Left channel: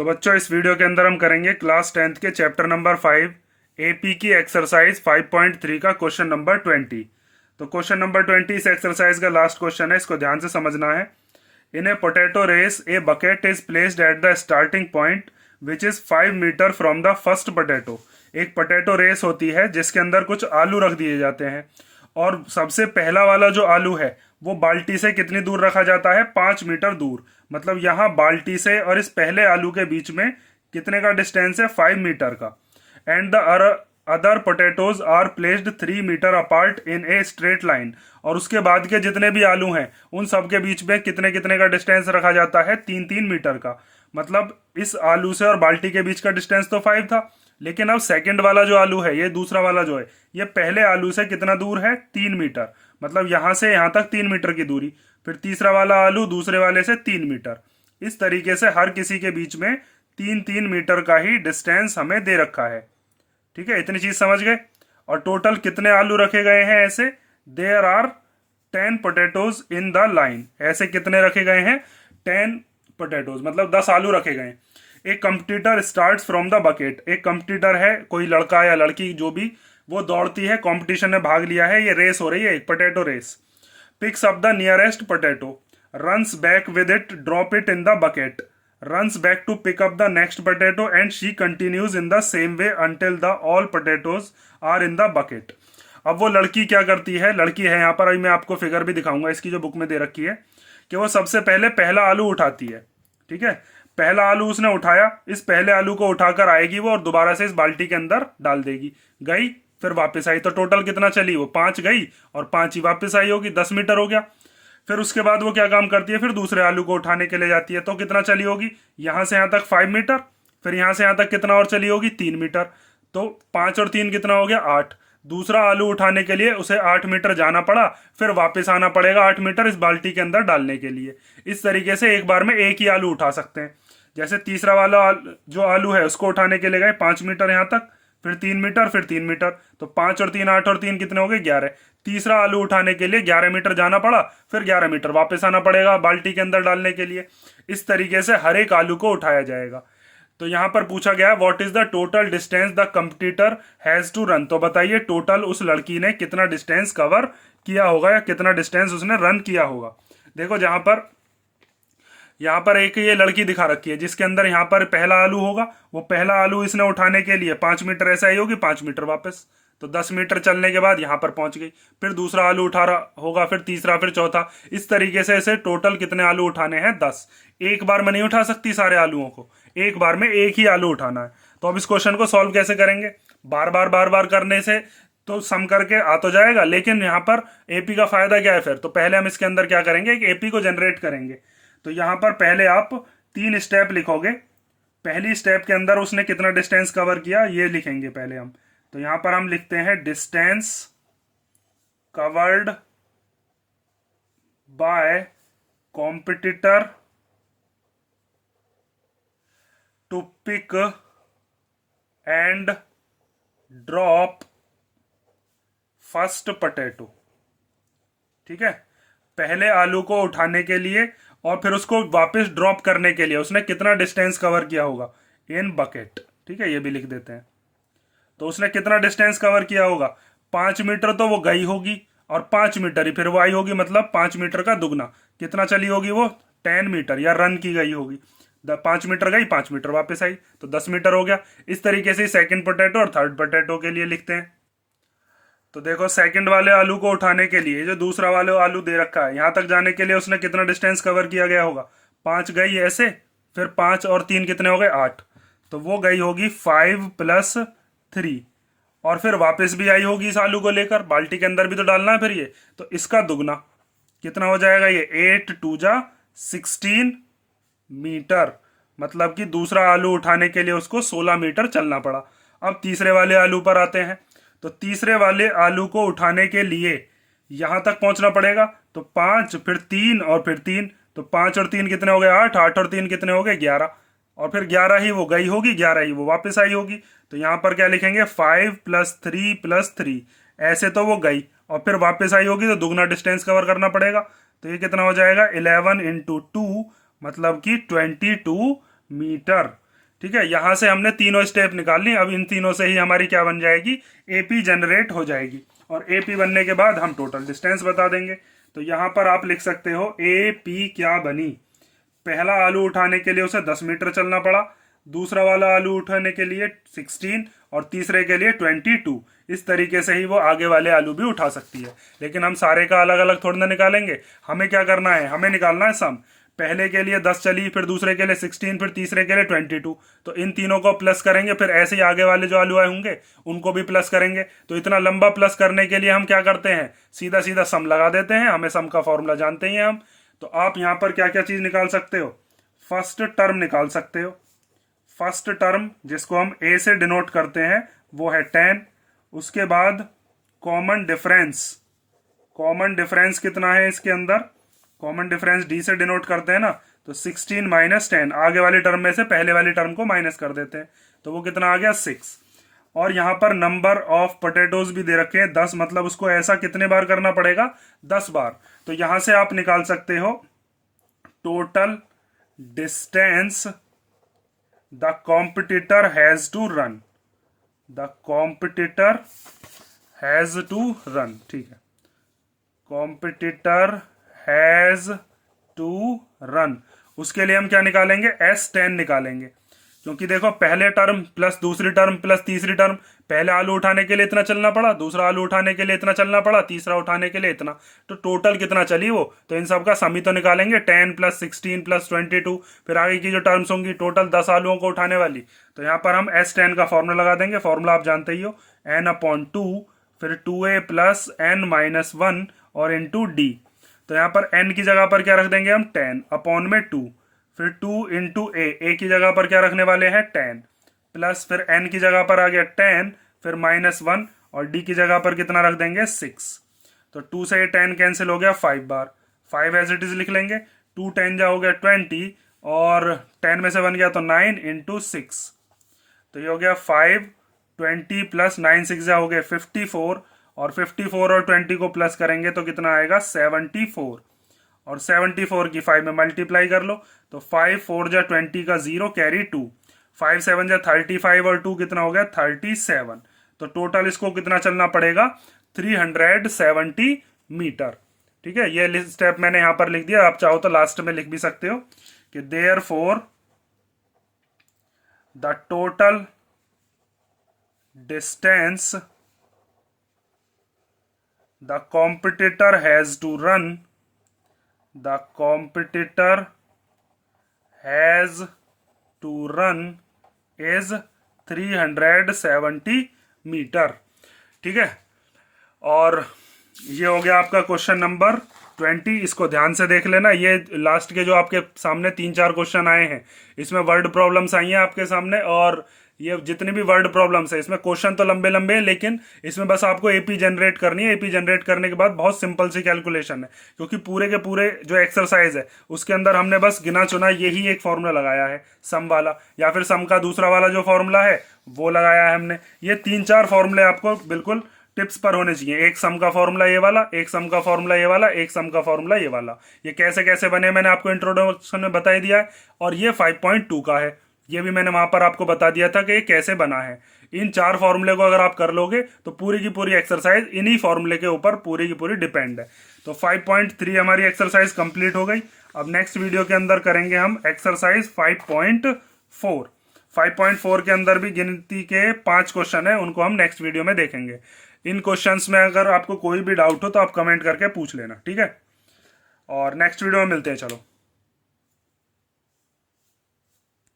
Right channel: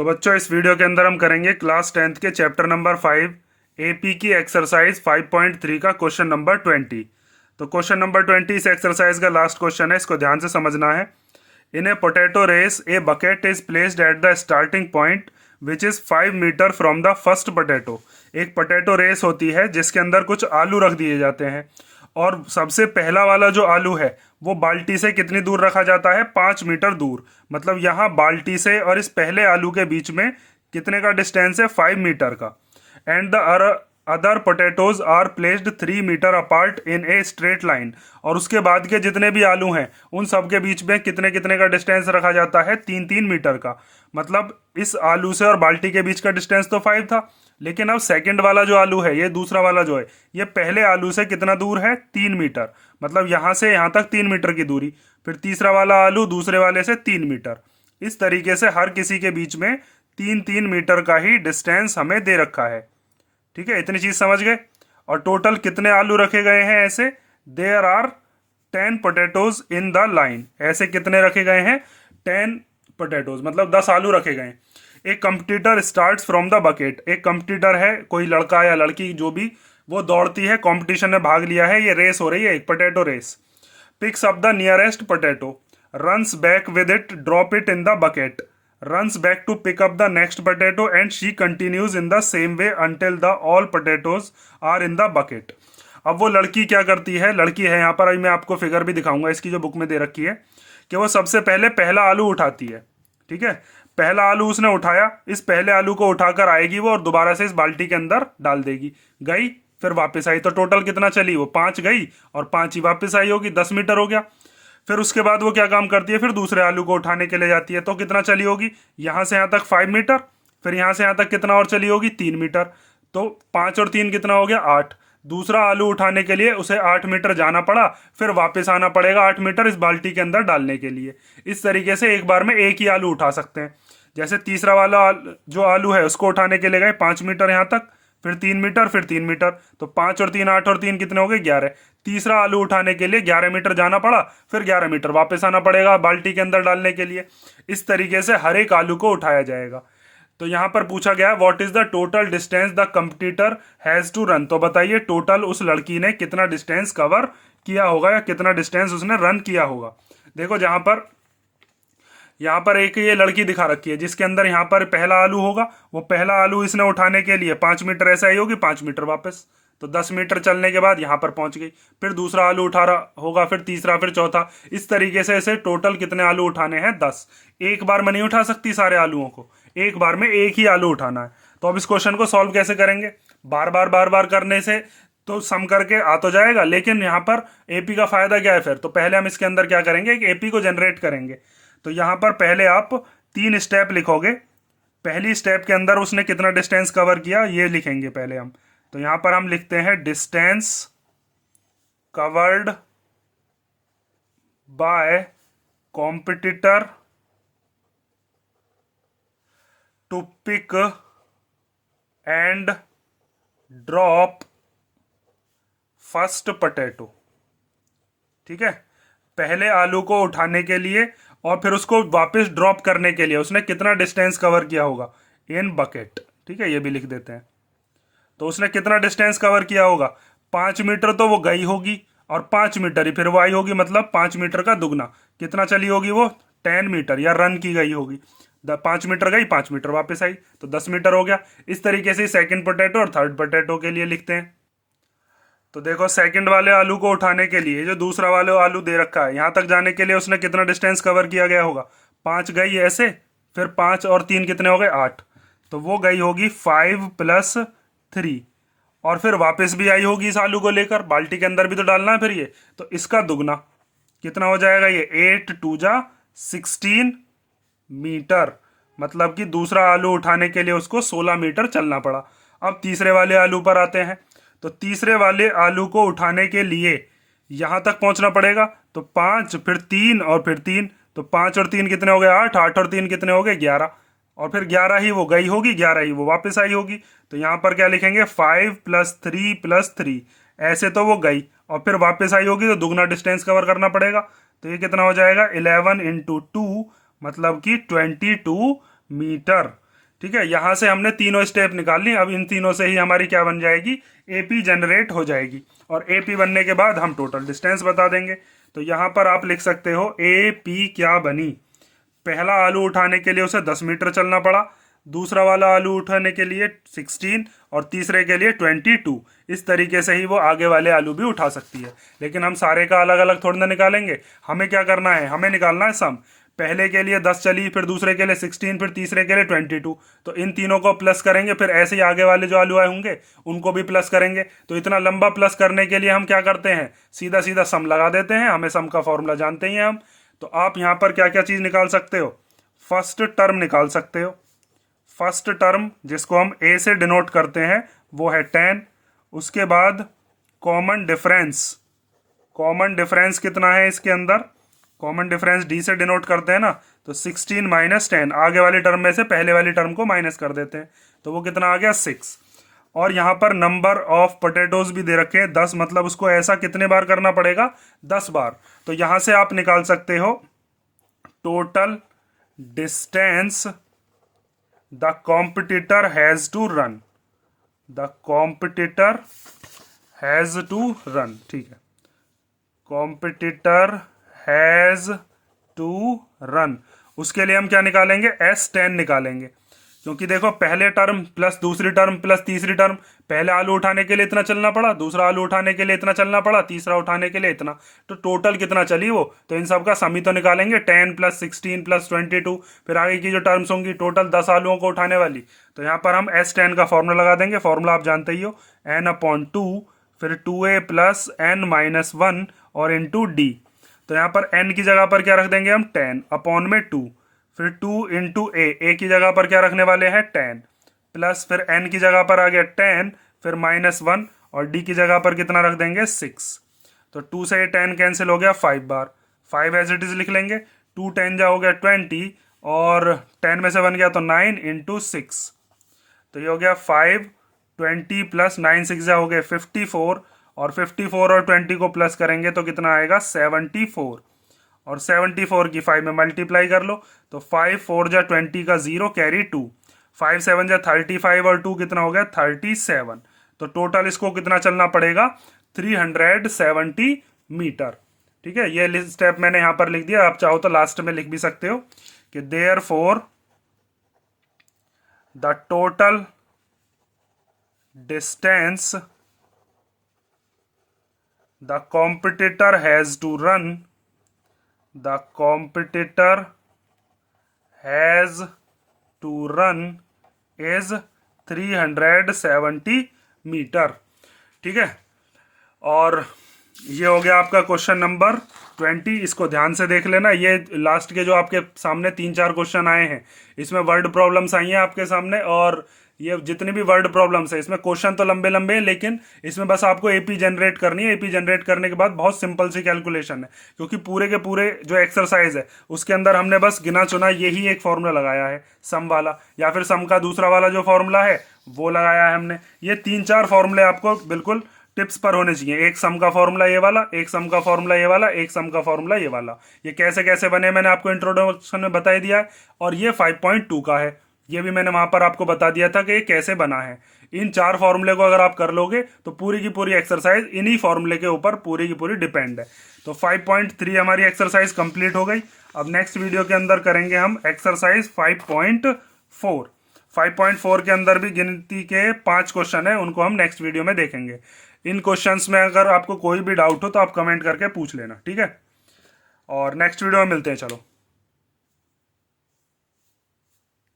तो बच्चों इस वीडियो के अंदर हम करेंगे क्लास 10th के चैप्टर नंबर 5 एपी की एक्सरसाइज 5.3 का क्वेश्चन नंबर 20। तो क्वेश्चन नंबर 20 इस एक्सरसाइज का लास्ट क्वेश्चन है, इसको ध्यान से समझना है। In a potato race a bucket is placed at the starting point which is 5 metre from the first potato. एक पोटैटो रेस होती है जिसके अंदर कुछ आलू रख दिए जाते हैं और सबसे पहला वाला जो आलू है वो बाल्टी से कितनी दूर रखा जाता है, 5 मीटर दूर। मतलब यहाँ बाल्टी से और इस पहले आलू के बीच में कितने का डिस्टेंस है, 5 मीटर का। And the other potatoes are placed 3 metre apart in a straight line. और उसके बाद के जितने भी आलू हैं उन सब के बीच में कितने कितने का डिस्टेंस रखा जाता है, 3-3 मीटर का। मतलब इस आलू से और बाल्टी के बीच का डिस्टेंस तो 5 था, लेकिन अब सेकंड वाला जो आलू है, ये दूसरा वाला जो है, ये पहले आलू से कितना दूर है, 3 मीटर। मतलब यहां से यहां तक 3 मीटर की दूरी। फिर तीसरा वाला आलू दूसरे वाले से 3 मीटर। इस तरीके से हर किसी के बीच में 3-3 मीटर का ही डिस्टेंस हमें दे रखा है। ठीक है, इतनी चीज समझ गए। और टोटल कितने आलू रखे गए हैं ऐसे, there are 10 potatoes in the line. ऐसे कितने रखे गए हैं, 10 पोटैटोज, मतलब 10 आलू रखे गए हैं। एक competitor starts from the bucket. एक कंपटीटर है, कोई लड़का या लड़की जो भी, वो दौड़ती है, कंपटीशन में भाग लिया है, ये रेस हो रही है, एक potato race. Picks up the nearest potato, runs back with it, drop it in the bucket, runs back to pick up the next potato and she continues in the same way until the all potatoes are in the bucket। अब वो लड़की क्या करती है, लड़की है यहाँ पर, अभी मैं आपको फिगर भी दिखाऊंगा इसकी जो बुक में दे रखी है, कि वो सबसे पहले पहला आलू उठाती है। ठीक है, पहला आलू उसने उठाया, इस पहले आलू को उठाकर आएगी वो और दोबारा से इस बाल्टी के अंदर डाल देगी। गई, फिर वापस आई, तो टोटल कितना चली, वो 5 गई और 5 ही वापस आई होगी, 10 मीटर हो गया। फिर उसके बाद वो क्या काम करती है, फिर दूसरे आलू को उठाने के लिए जाती है, तो कितना चली होगी, यहां से यहां तक 5 मीटर। फिर यहां से यहां तक कितना और चली होगी, 3 मीटर। तो 5 और 3 कितना हो गया, 8। दूसरा आलू उठाने के लिए उसे 8 मीटर जाना पड़ा, फिर वापस आना पड़ेगा 8 मीटर इस बाल्टी के अंदर डालने के लिए। इस तरीके से एक बार में एक ही आलू उठा सकते हैं। जैसे तीसरा वाला जो आलू है उसको उठाने के लिए गए 5 मीटर यहां तक, फिर 3 मीटर, फिर 3 मीटर, तो 5 और 3 8 और 3 कितने हो गए, 11। तीसरा आलू उठाने के लिए 11 मीटर जाना पड़ा, फिर 11 मीटर वापस आना पड़ेगा बाल्टी के अंदर डालने के लिए। इस तरीके से हर एक आलू को उठाया जाएगा। तो यहां पर पूछा गया what is the total distance the competitor has to run. तो बताइए टोटल उस लड़की ने कितना डिस्टेंस कवर किया होगा या कितना डिस्टेंस उसने रन किया होगा। देखो यहाँ पर एक ये लड़की दिखा रखी है जिसके अंदर यहाँ पर पहला आलू होगा, वो पहला आलू इसने उठाने के लिए 5 मीटर ऐसे आई होगी, 5 मीटर वापस, तो 10 मीटर चलने के बाद यहाँ पर पहुंच गई। फिर दूसरा आलू उठा रहा होगा, फिर तीसरा, फिर चौथा। इस तरीके से इसे टोटल कितने आलू उठाने हैं, 10। एक बार में नहीं उठा सकती सारे आलूओं को, एक बार में एक ही आलू उठाना है। तो अब इस क्वेश्चन को सॉल्व कैसे करेंगे, बार बार करने से तो सम करके आ तो जाएगा, लेकिन यहाँ पर एपी का फायदा क्या है फिर। तो पहले हम इसके अंदर क्या करेंगे, एक एपी को जनरेट करेंगे। तो यहां पर पहले आप 3 स्टेप लिखोगे। पहली स्टेप के अंदर उसने कितना डिस्टेंस कवर किया ये लिखेंगे पहले हम। तो यहां पर हम लिखते हैं distance covered by competitor to pick and drop first potato. ठीक है, पहले आलू को उठाने के लिए और फिर उसको वापस ड्रॉप करने के लिए उसने कितना डिस्टेंस कवर किया होगा इन बकेट। ठीक है, ये भी लिख देते हैं। तो उसने कितना डिस्टेंस कवर किया होगा, 5 मीटर तो वो गई होगी और 5 मीटर ही फिर वो आई होगी, मतलब 5 मीटर का दुगना। कितना चली होगी वो, 10 मीटर, या रन की गई होगी। 5 मीटर गई, 5 मीटर वापस आई, तो 10 मीटर हो गया। इस तरीके से सेकंड पोटैटो और थर्ड पोटैटो के लिए लिखते हैं। तो देखो सेकंड वाले आलू को उठाने के लिए जो दूसरा वाले आलू दे रखा है, यहां तक जाने के लिए उसने कितना डिस्टेंस कवर किया गया होगा, 5 गई ऐसे, फिर 5 और 3 कितने हो गए, 8। तो वो गई होगी 5 + 3, और फिर वापस भी आई होगी इस आलू को लेकर, बाल्टी के अंदर भी तो डालना है फिर ये, तो इसका दुगना कितना हो जाएगा, ये 8 × 2 = 16 मीटर। मतलब कि दूसरा आलू उठाने के लिए उसको 16 मीटर चलना पड़ा। अब तीसरे वाले आलू पर आते हैं। तो तीसरे वाले आलू को उठाने के लिए यहां तक पहुंचना पड़ेगा, तो 5, फिर 3 और फिर 3, तो 5 और 3 कितने हो गए, 8, 8 और 3 कितने हो गए, 11, और फिर 11 ही वो गई होगी, 11 ही वो वापस आई होगी। तो यहां पर क्या लिखेंगे, 5 + 3 + 3। ऐसे तो वो गई और फिर वापस आई होगी, तो दुगना डिस्टेंस कवर करना पड़ेगा। तो ये कितना हो जाएगा, 11 × 2, मतलब कि 22 मीटर। ठीक है, यहां से हमने तीनों स्टेप निकाल ली। अब इन तीनों से ही हमारी क्या बन जाएगी, एपी जनरेट हो जाएगी। और एपी बनने के बाद हम टोटल डिस्टेंस बता देंगे। तो यहां पर आप लिख सकते हो एपी क्या बनी। पहला आलू उठाने के लिए उसे 10 मीटर चलना पड़ा, दूसरा वाला आलू उठाने के लिए 16 और तीसरे के लिए 22। इस तरीके से ही वो आगे वाले आलू भी उठा सकती है। लेकिन हम सारे का अलग अलग थोड़ी ना निकालेंगे, हमें क्या करना है, हमें निकालना है सम। पहले के लिए 10 चली, फिर दूसरे के लिए 16, फिर तीसरे के लिए 22। तो इन तीनों को प्लस करेंगे, फिर ऐसे ही आगे वाले जो आलू आए होंगे उनको भी प्लस करेंगे। तो इतना लंबा प्लस करने के लिए हम क्या करते हैं, सीधा सीधा सम लगा देते हैं। हमें सम का फॉर्मूला जानते ही हैं हम। तो आप यहां पर क्या क्या चीज निकाल सकते हो, फर्स्ट टर्म निकाल सकते हो। फर्स्ट टर्म जिसको हम ए से डिनोट करते हैं वो है 10। उसके बाद कॉमन डिफरेंस, कॉमन डिफरेंस कितना है इसके अंदर, कॉमन डिफरेंस डी से डिनोट करते हैं ना, तो 16 माइनस 10, आगे वाली टर्म में से पहले वाली टर्म को माइनस कर देते हैं, तो वो कितना आ गया 6। और यहां पर नंबर ऑफ पोटैटोज भी दे रखे हैं 10, मतलब उसको ऐसा कितने बार करना पड़ेगा, 10 बार। तो यहां से आप निकाल सकते हो total distance the competitor has to run, the competitor has to run. ठीक है, कॉम्पिटिटर हैज टू रन, उसके लिए हम क्या निकालेंगे, S10 निकालेंगे। क्योंकि देखो पहले टर्म प्लस दूसरी टर्म प्लस तीसरी टर्म, पहले आलू उठाने के लिए इतना चलना पड़ा, दूसरा आलू उठाने के लिए इतना चलना पड़ा, तीसरा उठाने के लिए इतना, तो टोटल कितना चली वो, तो इन सब का सम ही तो निकालेंगे। 10 प्लस 16 प्लस 22, फिर आगे की जो टर्म्स होंगी टोटल 10 आलुओं को उठाने वाली। तो यहाँ पर हम S10 का फॉर्मूला लगा देंगे। फॉर्मूला आप जानते ही हो, n/2, फिर 2a प्लस n-1 और इंटू डी। तो यहाँ पर n की जगह पर क्या रख देंगे हम, 10 अपॉन में 2, फिर 2 इंटू ए की जगह पर क्या रखने वाले हैं 10, प्लस फिर n की जगह पर आ गया 10, फिर -1 और d की जगह पर कितना रख देंगे 6। तो 2 से 10 कैंसिल हो गया 5 बार, 5 एज इट इज लिख लेंगे। 2 10 जा हो गया 20 और 10 में से बन गया तो 9 इंटू 6, तो ये हो गया 5, 20 प्लस 9 6 जा हो गया 54, और 54 और 20 को प्लस करेंगे तो कितना आएगा 74, और 74 की 5 में मल्टीप्लाई कर लो, तो 5 4 जा 20 का 0 कैरी 2, 5 7 जा 35 और 2 कितना हो गया 37। तो टोटल इसको कितना चलना पड़ेगा 370 मीटर। ठीक है, ये स्टेप मैंने यहां पर लिख दिया, आप चाहो तो लास्ट में लिख भी सकते हो कि therefore the total distance the competitor has to run, the competitor has to run is 370 metre. ठीक है, और ये हो गया आपका क्वेश्चन नंबर 20। इसको ध्यान से देख लेना। ये लास्ट के जो आपके सामने 3-4 क्वेश्चन आए हैं इसमें वर्ड प्रॉब्लम्स आई हैं आपके सामने, और ये जितनी भी वर्ड प्रॉब्लम्स है इसमें क्वेश्चन तो लंबे लंबे हैं, लेकिन इसमें बस आपको एपी जनरेट करनी है। एपी जनरेट करने के बाद बहुत सिंपल सी कैलकुलेशन है, क्योंकि पूरे के पूरे जो एक्सरसाइज है उसके अंदर हमने बस गिना चुना यही एक फॉर्मूला लगाया है, सम वाला, या फिर सम का दूसरा वाला जो फॉर्मूला है वो लगाया है हमने। ये 3-4 फॉर्मूले आपको बिल्कुल टिप्स पर होने चाहिए। एक सम का फॉर्मूला ये वाला, एक सम का फॉर्मूला ये वाला, एक सम का फॉर्मूला ये वाला। ये कैसे कैसे बने मैंने आपको इंट्रोडक्शन में बता ही दिया है। और ये 5.2 का है, ये भी मैंने वहां पर आपको बता दिया था कि ये कैसे बना है। इन 4 फॉर्मूले को अगर आप कर लोगे तो पूरी की पूरी एक्सरसाइज इन्हीं फॉर्मूले के ऊपर पूरी की पूरी डिपेंड है। तो 5.3 हमारी एक्सरसाइज कंप्लीट हो गई। अब नेक्स्ट वीडियो के अंदर करेंगे हम एक्सरसाइज 5.4। 5.4 के अंदर भी गिनती के 5 क्वेश्चन है, उनको हम नेक्स्ट वीडियो में देखेंगे। इन क्वेश्चंस में अगर आपको कोई भी डाउट हो तो आप कमेंट करके पूछ लेना, ठीक है। और नेक्स्ट वीडियो में मिलते हैं, चलो।